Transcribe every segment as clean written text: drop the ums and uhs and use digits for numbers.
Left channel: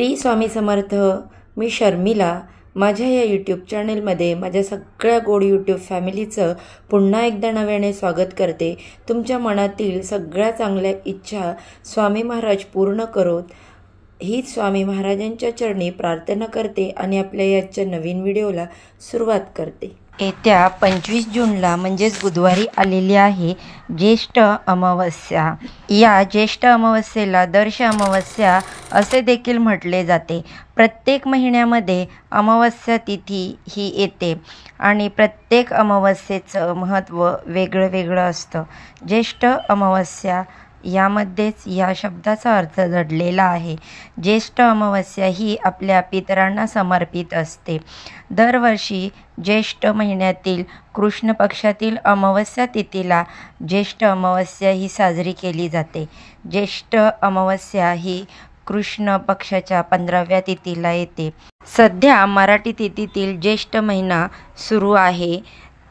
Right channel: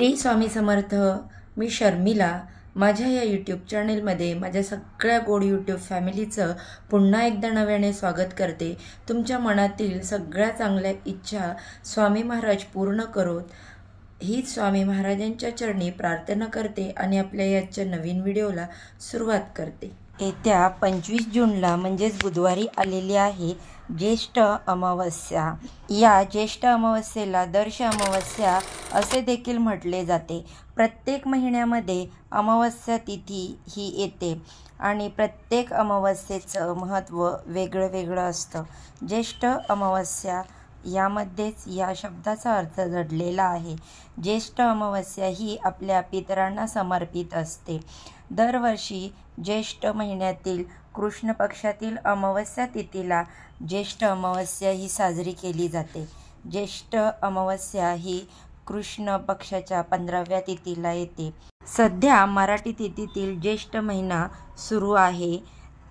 श्री स्वामी समर्थ. मी शर्मिला. माझ्या या यूट्यूब चॅनलमध्ये माझ्या सगळ्या गोड यूट्यूब फॅमिलीचं पुन्हा एकदा नव्याने स्वागत करते. तुमच्या मनातील सगळ्या चांगल्या इच्छा स्वामी महाराज पूर्ण करोत हीच स्वामी महाराजांच्या चरणी प्रार्थना करते आणि आपल्या याच्या नवीन व्हिडिओला सुरुवात करते. येत्या 25 जूनला म्हणजेच बुधवारी आलेली आहे ज्येष्ठ अमावस्या. या ज्येष्ठ अमावस्येला दर्श अमावस्या असे देखील म्हटले जाते. प्रत्येक महिन्यामध्ये अमावस्या तिथी ही येते आणि प्रत्येक अमावस्येचं महत्त्व वेगळं वेगळं असतं. ज्येष्ठ अमावस्या यामध्येच या शब्दाचा अर्थ दडलेला आहे. ज्येष्ठ अमावस्या ही आपल्या पितरांना समर्पित असते. दरवर्षी ज्येष्ठ महिन्यातील कृष्ण पक्षातील अमावस्या तिथीला ज्येष्ठ अमावस्या ही साजरी केली जाते. ज्येष्ठ अमावस्या ही कृष्ण पक्षाच्या 15व्या तिथीला येते. सध्या मराठी तिथीतील ज्येष्ठ महिना सुरू आहे,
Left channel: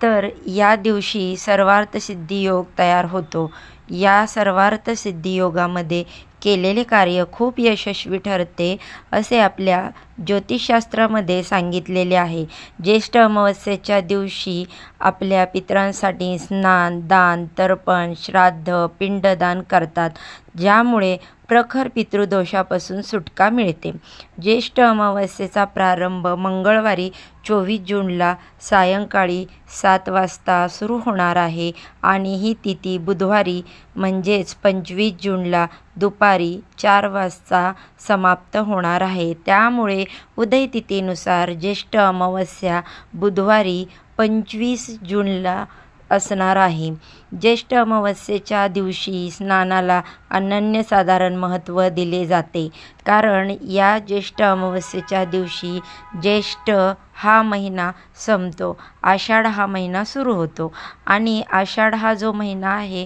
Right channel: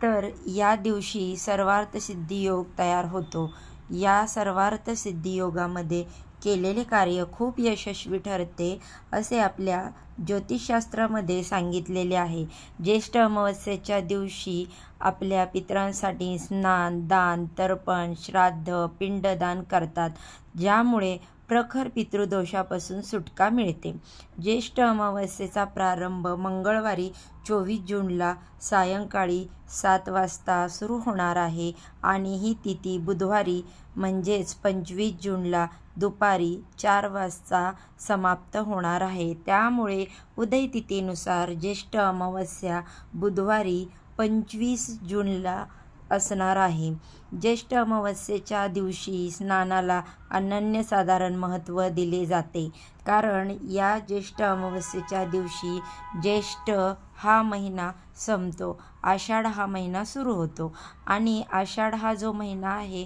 तर या दिवशी सर्वार्थ सिद्धी योग तयार होतो. या सर्वार्थ सिद्धी योगामध्ये केलेले कार्य खूप यशस्वी ठरते असे आपल्या ज्योतिषशास्त्रामध्ये सांगितलेले आहे. ज्येष्ठ अमावस्येच्या दिवशी आपल्या पितरांसाठी स्नान, दान, तर्पण, श्राद्ध, पिंडदान करतात, ज्यामुळे प्रखर पितृदोषापासून सुटका मिळते. ज्येष्ठ अमावस्येचा प्रारंभ मंगळवारी 24 जूनला सायंकाळी 7 वाजता सुरू होणार आहे आणि ही तिथी बुधवारी म्हणजेच 25 जूनला दुपारी 4 वाजता समाप्त होणार आहे. त्यामुळे उदय तिथीनुसार ज्येष्ठ अमावस्या बुधवारी 25 जूनला असणार आहे. ज्येष्ठ अमावस्येच्या दिवशी स्नानाला अनन्यसाधारण महत्त्व दिले जाते, कारण या ज्येष्ठ अमावस्येच्या दिवशी ज्येष्ठ हा महिना संपतो, आषाढ हा महिना सुरू होतो आणि आषाढ हा जो महिना आहे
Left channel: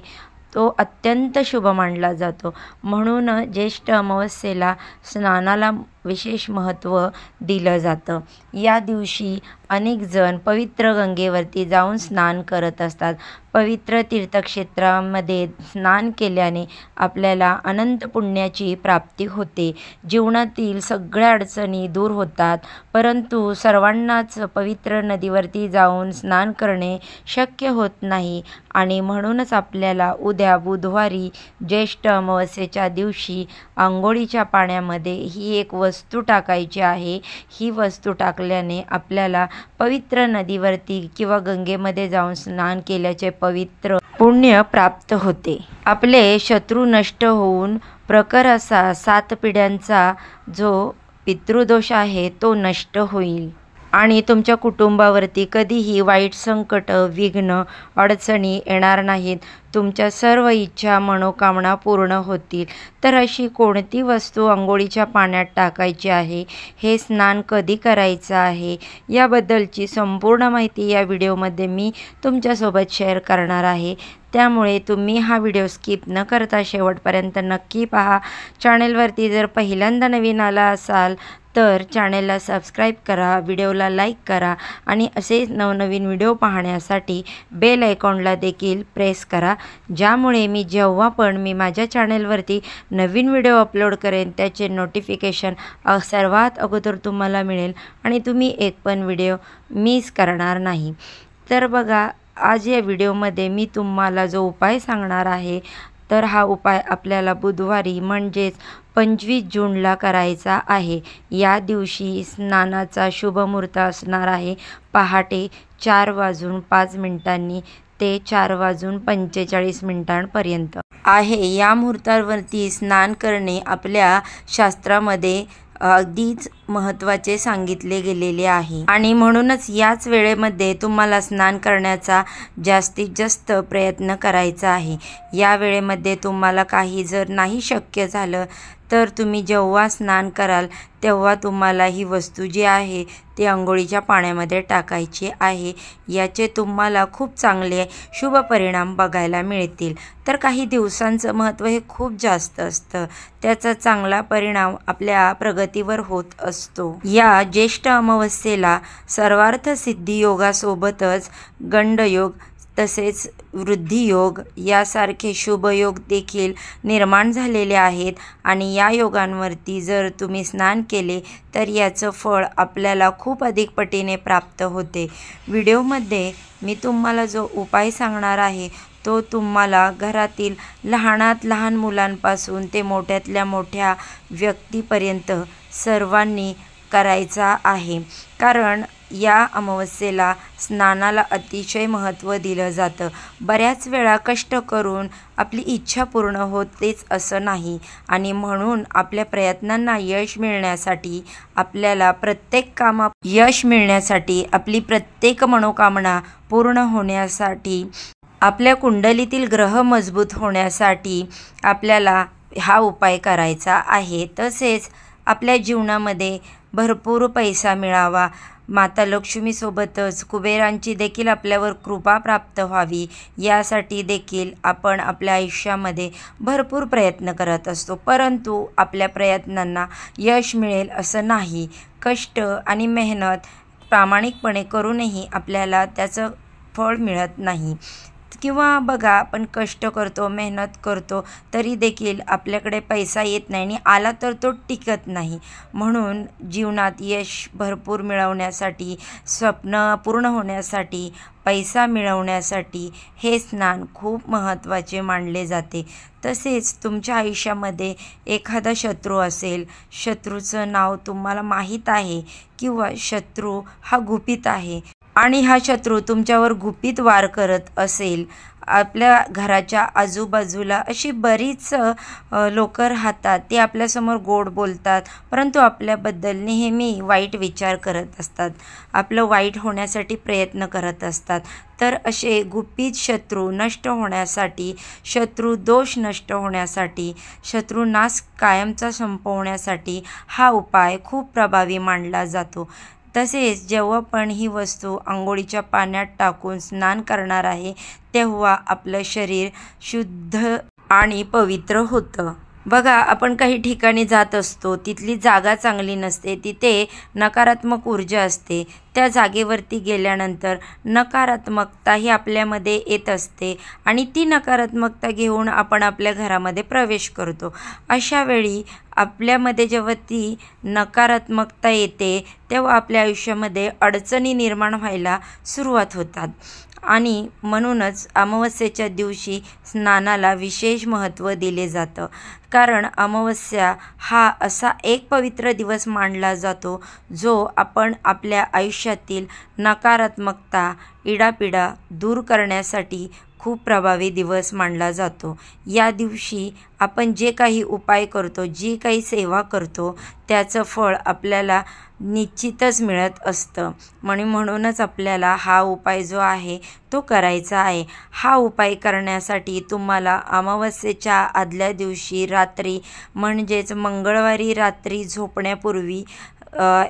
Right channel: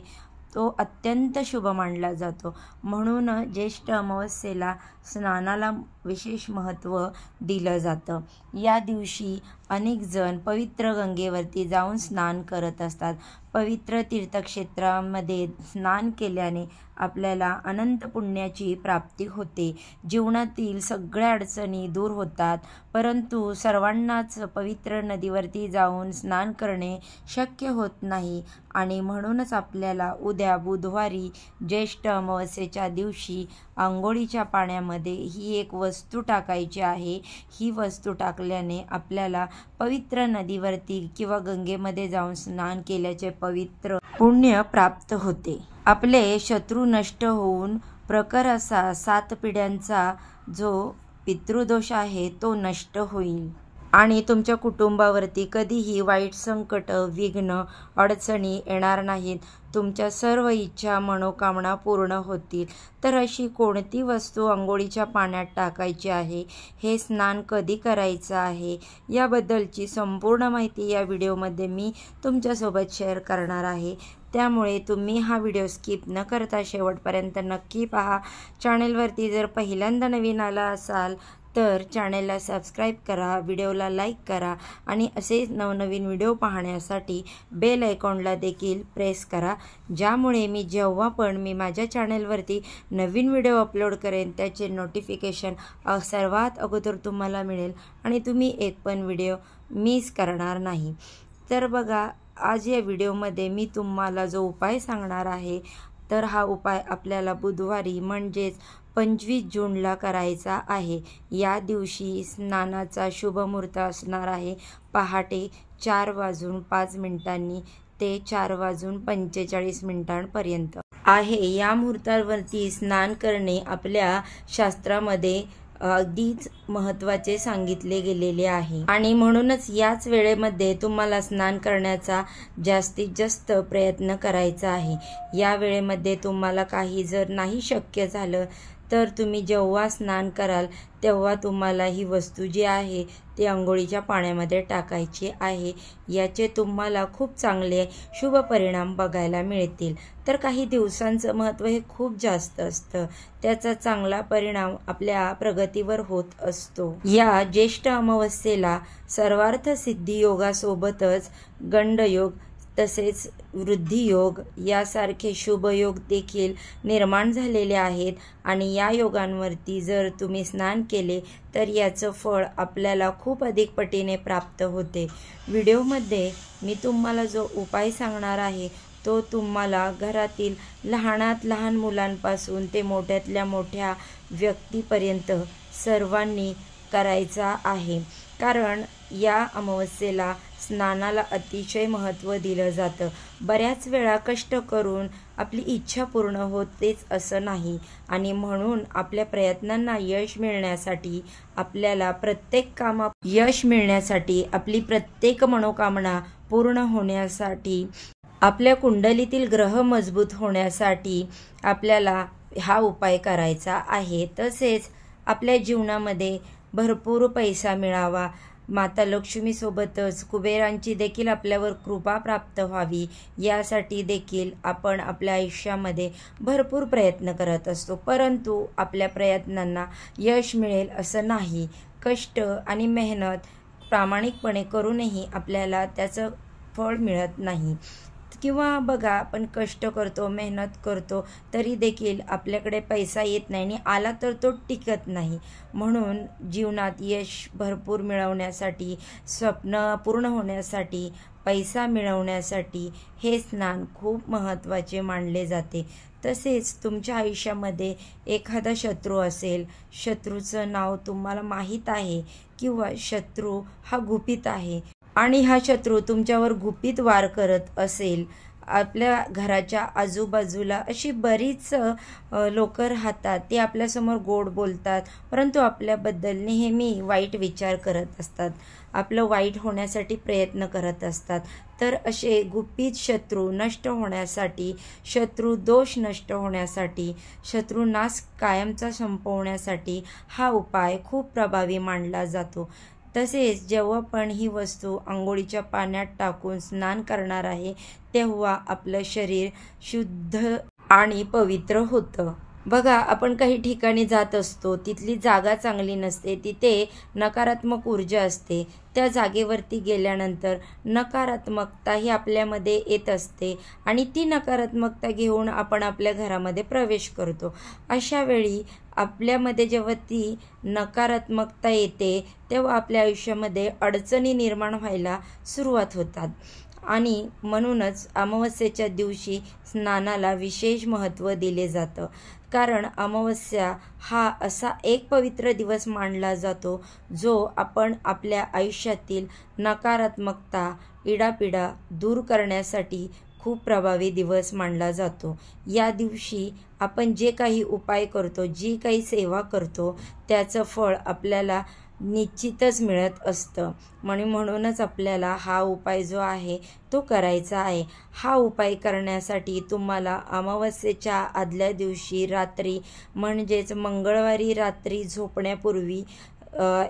तो अत्यंत शुभ मानला जातो. म्हणून ज्येष्ठ अमावस्येला स्नानाला विशेष महत्त्व दिलं जातं. या दिवशी अनेक जण पवित्र गंगेवरती जाऊन स्नान करत असतात. पवित्र तीर्थक्षेत्रामध्ये स्नान केल्याने आपल्याला अनंत पुण्याची प्राप्ती होते. जीवनातील सगळ्या अडचणी दूर होतात, परंतु सर्वांनाच पवित्र नदीवरती जाऊन स्नान करणे शक्य होत नाही आणि म्हणूनच आपल्याला उद्या बुधवारी ज्येष्ठ अमावस्येच्या दिवशी अंघोळीच्या पाण्यामध्ये ही एक वस्तू टाकायची आहे. ही वस्तू टाकल्याने आपल्याला पवित्र नदीवरती किंवा गंगेमध्ये जाऊन स्नान केल्याचे पवित्र पुण्य प्राप्त होते. आपले शत्रू नष्ट होऊन प्रखर असा 7 पिढ्यांचा जो पितृदोष आहे तो नष्ट होईल आणि तुमच्या कुटुंबावरती कधीही वाईट संकट, विघ्न, अडचणी येणार नाहीत. तुमच्या सर्व इच्छा, मनोकामना पूर्ण होतील. तर अशी कोणती वस्तू अंघोळीच्या पाण्यात टाकायची आहे, हे स्नान कधी करायचं आहे, याबद्दलची संपूर्ण माहिती या व्हिडिओमध्ये मी तुमच्यासोबत शेअर करणार आहे. त्यामुळे तुम्ही हा व्हिडिओ स्किप न करता शेवटपर्यंत नक्की पहा. चॅनलवरती जर पहिल्यांदा नवीन आला असाल तर चॅनलला सबस्क्राईब करा, व्हिडिओला लाईक करा आणि असेच नवनवीन व्हिडिओ पाहण्यासाठी बेल आयकॉनला देखील प्रेस करा, ज्यामुळे जेव्हा पण मी माझ्या चॅनलवरती नवीन व्हिडिओ अपलोड करेन त्याचे नोटिफिकेशन सर्वात अगोदर तुम्हाला मिळेल आणि तुम्ही एक पण व्हिडिओ मिस करणार नाही. तर बघा, आज या व्हिडिओमध्ये मी तुम्हाला जो उपाय सांगणार आहे तर हा उपाय आपल्याला बुधवारी म्हणजेच 25 जूनला करायचा आहे. या दिवशी स्नानाचा शुभ मुहूर्त असणार आहे पहाटे 4:05 ते 4:45 आहे. या मुहूर्तावरती स्नान करणे आपल्या शास्त्रामध्ये अगदीच महत्त्वाचे सांगितले गेलेले आहे आणि म्हणूनच याच वेळेमध्ये तुम्हाला स्नान करण्याचा जास्तीत जास्त प्रयत्न करायचा आहे. या वेळेमध्ये तुम्हाला काही जर नाही शक्य झालं तर तुम्ही जेव्हा स्नान कराल तेव्हा तुम्हाला ही वस्तू जी आहे ती अंघोळीच्या पाण्यामध्ये टाकायची आहे. याचे तुम्हाला खूप चांगले शुभ परिणाम बघायला मिळतील. तर काही दिवसांचं महत्त्व हे खूप जास्त असतं, त्याचा चांगला परिणाम आपल्या प्रगतीवर होत असतो. या ज्येष्ठ अमावस्येला सर्वार्थ सिद्धी योगासोबतच गंडयोग तसेच वृद्धियोग यासारखे शुभयोग देखील निर्माण झालेले आहेत आणि या योगांवरती जर तुम्ही स्नान केले तर याचं फळ आपल्याला खूप अधिक पटीने प्राप्त होते। व्हिडिओमध्ये मी तुम्हाला जो उपाय सांगणार आहे तो तुम्हाला घरातील लहानात लहान मुलांपासून ते मोठ्यातल्या मोठ्या व्यक्तीपर्यंत सर्वांनी करायचा आहे, कारण या अमावस्येला स्नानाला अतिशय महत्त्व दिलं जातं। बऱ्याच वेळा कष्ट करून आपली इच्छा पूर्ण होतेच असं नाही आणि म्हणून आपल्या प्रयत्नांना यश मिळण्यासाठी, आपल्याला प्रत्येक कामात यश मिळण्यासाठी, आपली प्रत्येक मनोकामना पूर्ण होण्यासाठी, आपल्या कुंडलीतील ग्रह मजबूत होण्यासाठी आपल्याला हा उपाय करायचा आहे। तसेच आपल्या जीवनामध्ये भरपूर पैसा मिळावा, माता लक्ष्मीसोबतच कुबेरांची देखील आपल्यावर कृपा प्राप्त व्हावी यासाठी देखील आपण आपल्या आयुष्यामध्ये भरपूर प्रयत्न करत असतो, परंतु आपल्या प्रयत्नांना यश मिळेल असं नाही। कष्ट आणि मेहनत प्रामाणिकपणे करूनही आपल्याला त्याचं फळ मिळत नाही। किंवा बघा, आपण कष्ट करतो, मेहनत करतो तरी देखील आपल्याकडे पैसा येत नाही आणि आला तर तो टिकत नाही। म्हणून जीवनात यश भरपूर मिळवण्यासाठी, स्वप्न पूर्ण होण्यासाठी, पैसा मिळवण्यासाठी हे स्नान खूप महत्त्वाचे मानले जाते। तसेच तुमच्या आयुष्यामध्ये एखादा शत्रू असेल, शत्रूचं नाव तुम्हाला माहीत आहे किंवा शत्रू हा गुपित आहे आणि हा शत्रू तुमच्यावर गुपित वार करत असेल, आपल्या घराच्या आजूबाजूला अशी बरीच लोक राहतात, ते आपल्यासमोर गोड बोलतात परंतु आपल्याबद्दल नेहमी वाईट विचार करत असतात, आपलं वाईट होण्यासाठी प्रयत्न करत असतात। तर असे गुपित शत्रू नष्ट होण्यासाठी, शत्रू दोष नष्ट होण्यासाठी, शत्रू नाश कायमचा संपवण्यासाठी हा उपाय खूप प्रभावी मानला जातो। तसेच जेव्हा पण ही वस्तू अंघोळीच्या पाण्यात टाकून स्नान करणार आहे तेव्हा आपलं शरीर शुद्ध आणि पवित्र होतं। बघा, आपण काही ठिकाणी जात असतो, तिथली जागा चांगली नसते, तिथे नकारात्मक ऊर्जा असते, त्या जागेवरती गेल्यानंतर नकारात्मकता ही आपल्यामध्ये येत असते आणि ती नकारात्मकता घेऊन आपण आपल्या घरामध्ये प्रवेश करतो। अशा वेळी आपल्यामध्ये जेव्हा ती नकारात्मकता येते तेव्हा आपल्या आयुष्यामध्ये अडचणी निर्माण व्हायला सुरुवात होतात आणि म्हणूनच अमावस्येच्या दिवशी स्नानाला विशेष महत्त्व दिले जातं, कारण अमावस्या हा असा एक पवित्र दिवस मानला जातो जो आपण आपल्या आयुष्यातील नकारात्मकता, इडापिडा दूर करण्यासाठी खूप प्रभावी दिवस मानला जातो। या दिवशी आपण जे काही उपाय करतो, जी काही सेवा करतो त्याचं फळ आपल्याला निश्चितच मिळत असतं। म्हणूनच आपल्याला हा उपाय जो आहे तो करायचा आहे। हा उपाय करण्यासाठी तुम्हाला अमावस्येच्या आदल्या दिवशी रात्री म्हणजेच मंगळवारी रात्री झोपण्यापूर्वी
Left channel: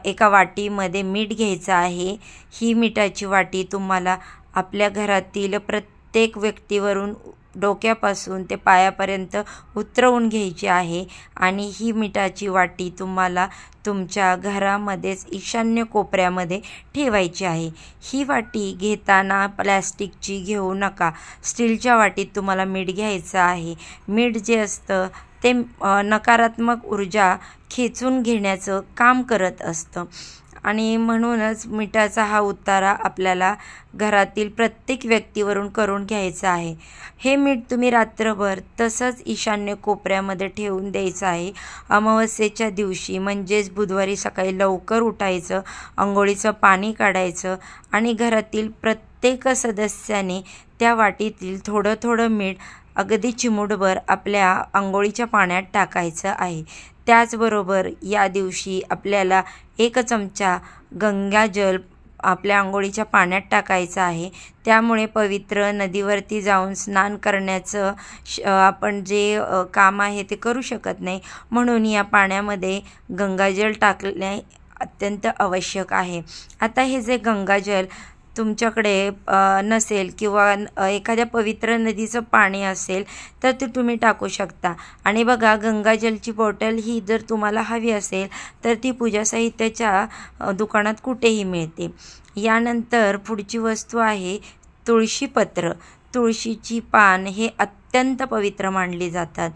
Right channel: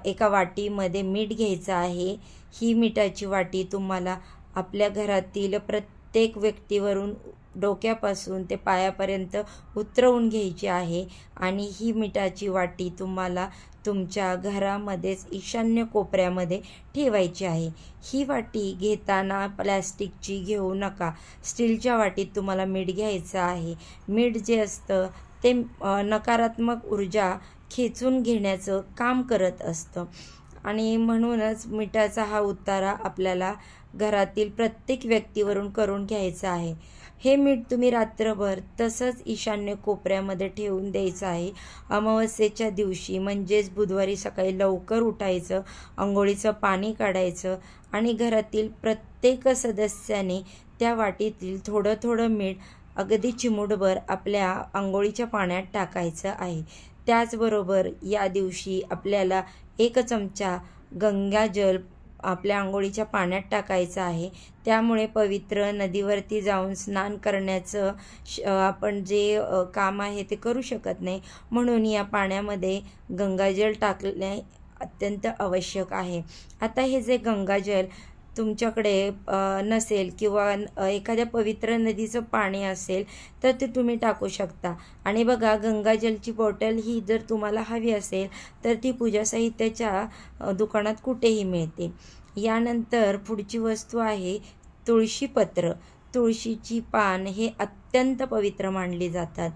एका वाटीमध्ये मीठ घ्यायचं आहे। ही मिठाची वाटी तुम्हाला आपल्या घरातील प्रत्येक व्यक्तीवरून डोक्यापासून ते पायापर्यंत उतरवून घ्यायची आहे आणि ही मिठाची वाटी तुम्हाला तुमच्या घरामध्येच ईशान्य कोपऱ्यामध्ये ठेवायची आहे। ही वाटी घेताना प्लॅस्टिकची घेऊ नका, स्टीलच्या वाटीत तुम्हाला मीठ घ्यायचं आहे। मीठ जे असतं ते नकारात्मक ऊर्जा खेचून घेण्याचं काम करत असतं आणि म्हणूनच मिठाचा हा उतारा आपल्याला घरातील प्रत्येक व्यक्तीवरून करून घ्यायचा आहे। हे मीठ तुम्ही रात्रभर तसंच ईशान्य कोपऱ्यामध्ये ठेवून द्यायचं आहे। अमावस्येच्या दिवशी म्हणजेच बुधवारी सकाळी लवकर उठायचं, अंघोळीचं पाणी काढायचं आणि घरातील प्रत्येक सदस्याने त्या वाटीतील थोडं थोडं मीठ अगदी चिमूटभर आपल्या अंघोळीच्या पाण्यात टाकायचं आहे। त्याचबरोबर या दिवशी आपल्याला 1 चमचा गंगाजल आपल्या अंघोळीच्या पाण्यात टाकायचं आहे। त्यामुळे पवित्र नदीवरती जाऊन स्नान करण्याचं आपण जे काम आहे ते करू शकत नाही, म्हणून या पाण्यामध्ये गंगाजल टाकणे अत्यंत आवश्यक आहे। आता हे जे गंगाजल तुमच्याकडे नसेल किंवा एखाद्या पवित्र नदीचं पाणी असेल तर ते तुम्ही टाकू शकता। आणि बघा, गंगाजलची बॉटल ही जर तुम्हाला हवी असेल तर ती पूजा साहित्याच्या दुकानात कुठेही मिळते। यानंतर पुढची वस्तू आहे तुळशीपत्र, तुळशीची पान हे अत्यंत पवित्र मानली जातात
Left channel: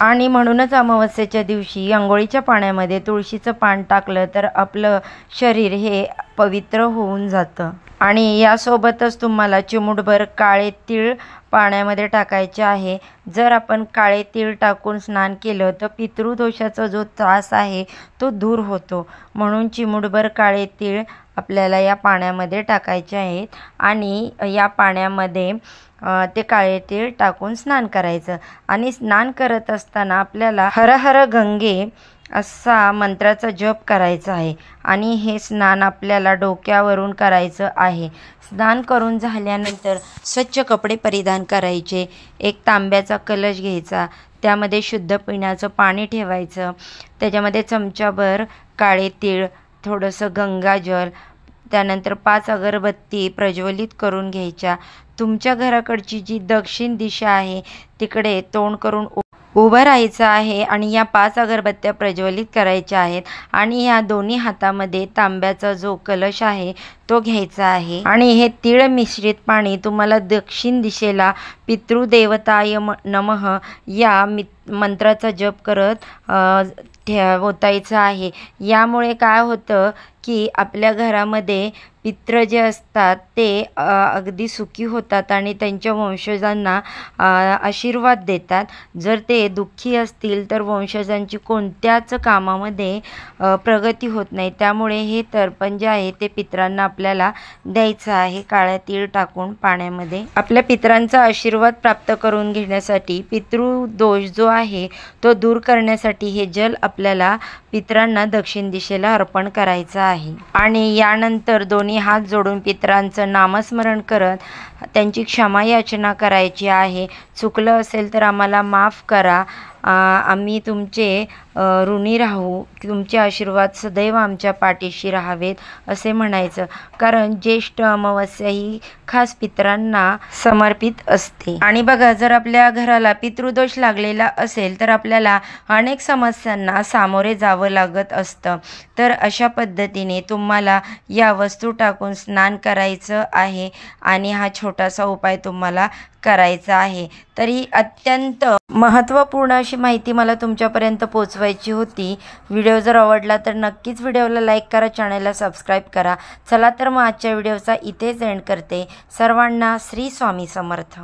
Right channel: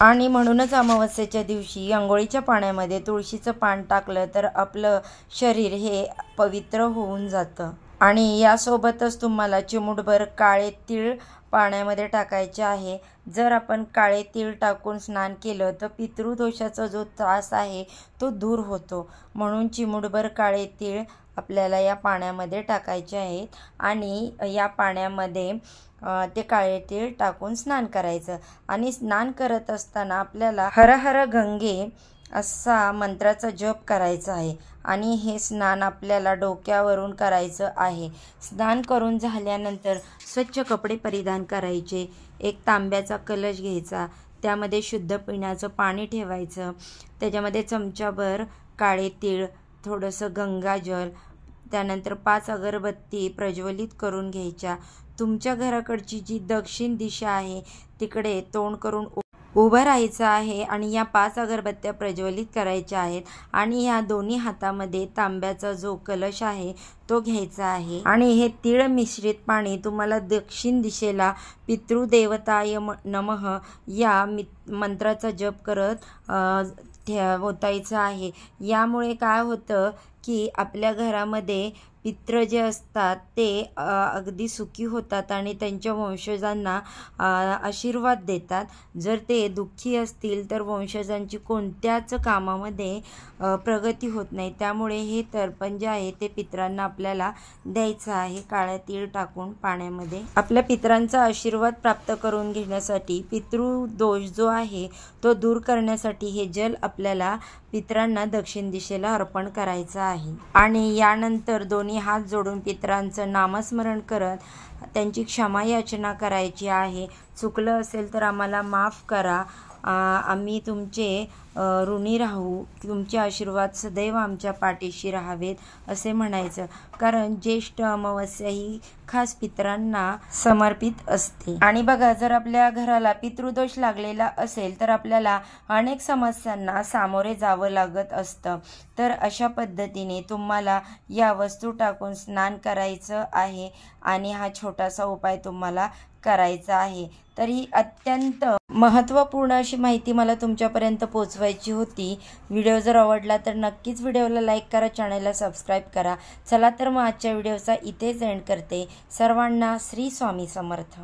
आणि म्हणूनच अमावस्येच्या दिवशी अंघोळीच्या पाण्यामध्ये तुळशीचं पान टाकलं तर आपलं शरीर हे पवित्र होऊन जातं। आणि यासोबतच तुम्हाला चिमूटभर काळे तीळ पाण्यामध्ये टाकायचे आहे। जर आपण काळे तीळ टाकून स्नान केलं तर पितृदोषाचा जो त्रास आहे तो दूर होतो, म्हणून चिमूटभर काळे तीळ आपल्याला या पाण्यामध्ये टाकायचे आहेत आणि या पाण्यामध्ये ते काळे तीळ टाकून स्नान करायचं। आणि स्नान करत असताना आपल्याला हर हर गंगे असा मंत्राचा जप करायचा आहे आणि हे स्नान आपल्याला डोक्यावरून करायचं आहे। स्नान करून झाल्यानंतर स्वच्छ कपडे परिधान करायचे, एक तांब्याचा कलश घ्यायचा, त्यामध्ये शुद्ध पिण्याचं पाणी ठेवायचं, त्याच्यामध्ये चमचाभर काळे तीळ, थोडंसं गंगाजल, त्यानंतर 5 अगरबत्ती प्रज्वलित करून घ्यायच्या। तुमच्या घराकडची जी दक्षिण दिशा आहे तिकडे तोंड करून उभं राहायचं आहे आणि या 5 अगरबत्त्या प्रज्वलित करायच्या आहेत आणि ह्या दोन्ही हातामध्ये तांब्याचा जो कलश आहे तो घ्यायचा आहे आणि हे तीळ मिश्रित पाणी तुम्हाला दक्षिण दिशेला पितृदेवताय नमः या मंत्राचा जप करत ओतायचं आहे। यामुळे काय होतं की आपल्या घरामध्ये पितृ जे असतात ते अगदी सुखी होतात आणि त्यांच्या वंशजांना आशीर्वाद देतात। जर ते दुःखी असतील तर वंशजांची कोणत्याच कामामध्ये प्रगती होत नाही। त्यामुळे हे तर्पण जे आहे ते पितरांना आपल्याला द्यायचं आहे काळ्या तीळ टाकून पाण्यामध्ये। आपल्या पितरांचा आशीर्वाद प्राप्त करून घेण्यासाठी, पितृदोष जो आहे तो दूर करण्यासाठी हे जल आपल्याला पितरांना दक्षिण दिशेला अर्पण करायचं आहे। आणि यानंतर दोन्ही हात जोडून पितरांचं नामस्मरण करत त्यांची क्षमा याचना करायची आहे। चुकलं असेल तर आम्हाला माफ करा, आम्ही तुमचे ऋणी राहू, तुमचे आशीर्वाद सदैव आमच्या पाठीशी राहावेत असे म्हणायचं। कारण ज्येष्ठ अमावस्या ही खास पितरांना समर्पित असते। आणि बघा, जर आपल्या घराला पितृदोष लागलेला असेल तर आपल्याला अनेक समस्यांना सामोरे जावं लागत असतं। तर अशा पद्धतीने तुम्हाला या वस्तू टाकून स्नान करायचं आहे आणि हा छोटासा उपाय तुम्हाला करायचा आहे। तर ही अत्यंत महत्त्वपूर्ण अशी माहिती मला तुमच्यापर्यंत पोहोचवायची होती। व्हिडिओ जर आवडला तर नक्कीच व्हिडिओला लाईक करा, चॅनलला सबस्क्राईब करा। चला तर मग आजच्या व्हिडिओचा इथेच एंड करते। सर्वांना श्री स्वामी समर्थ।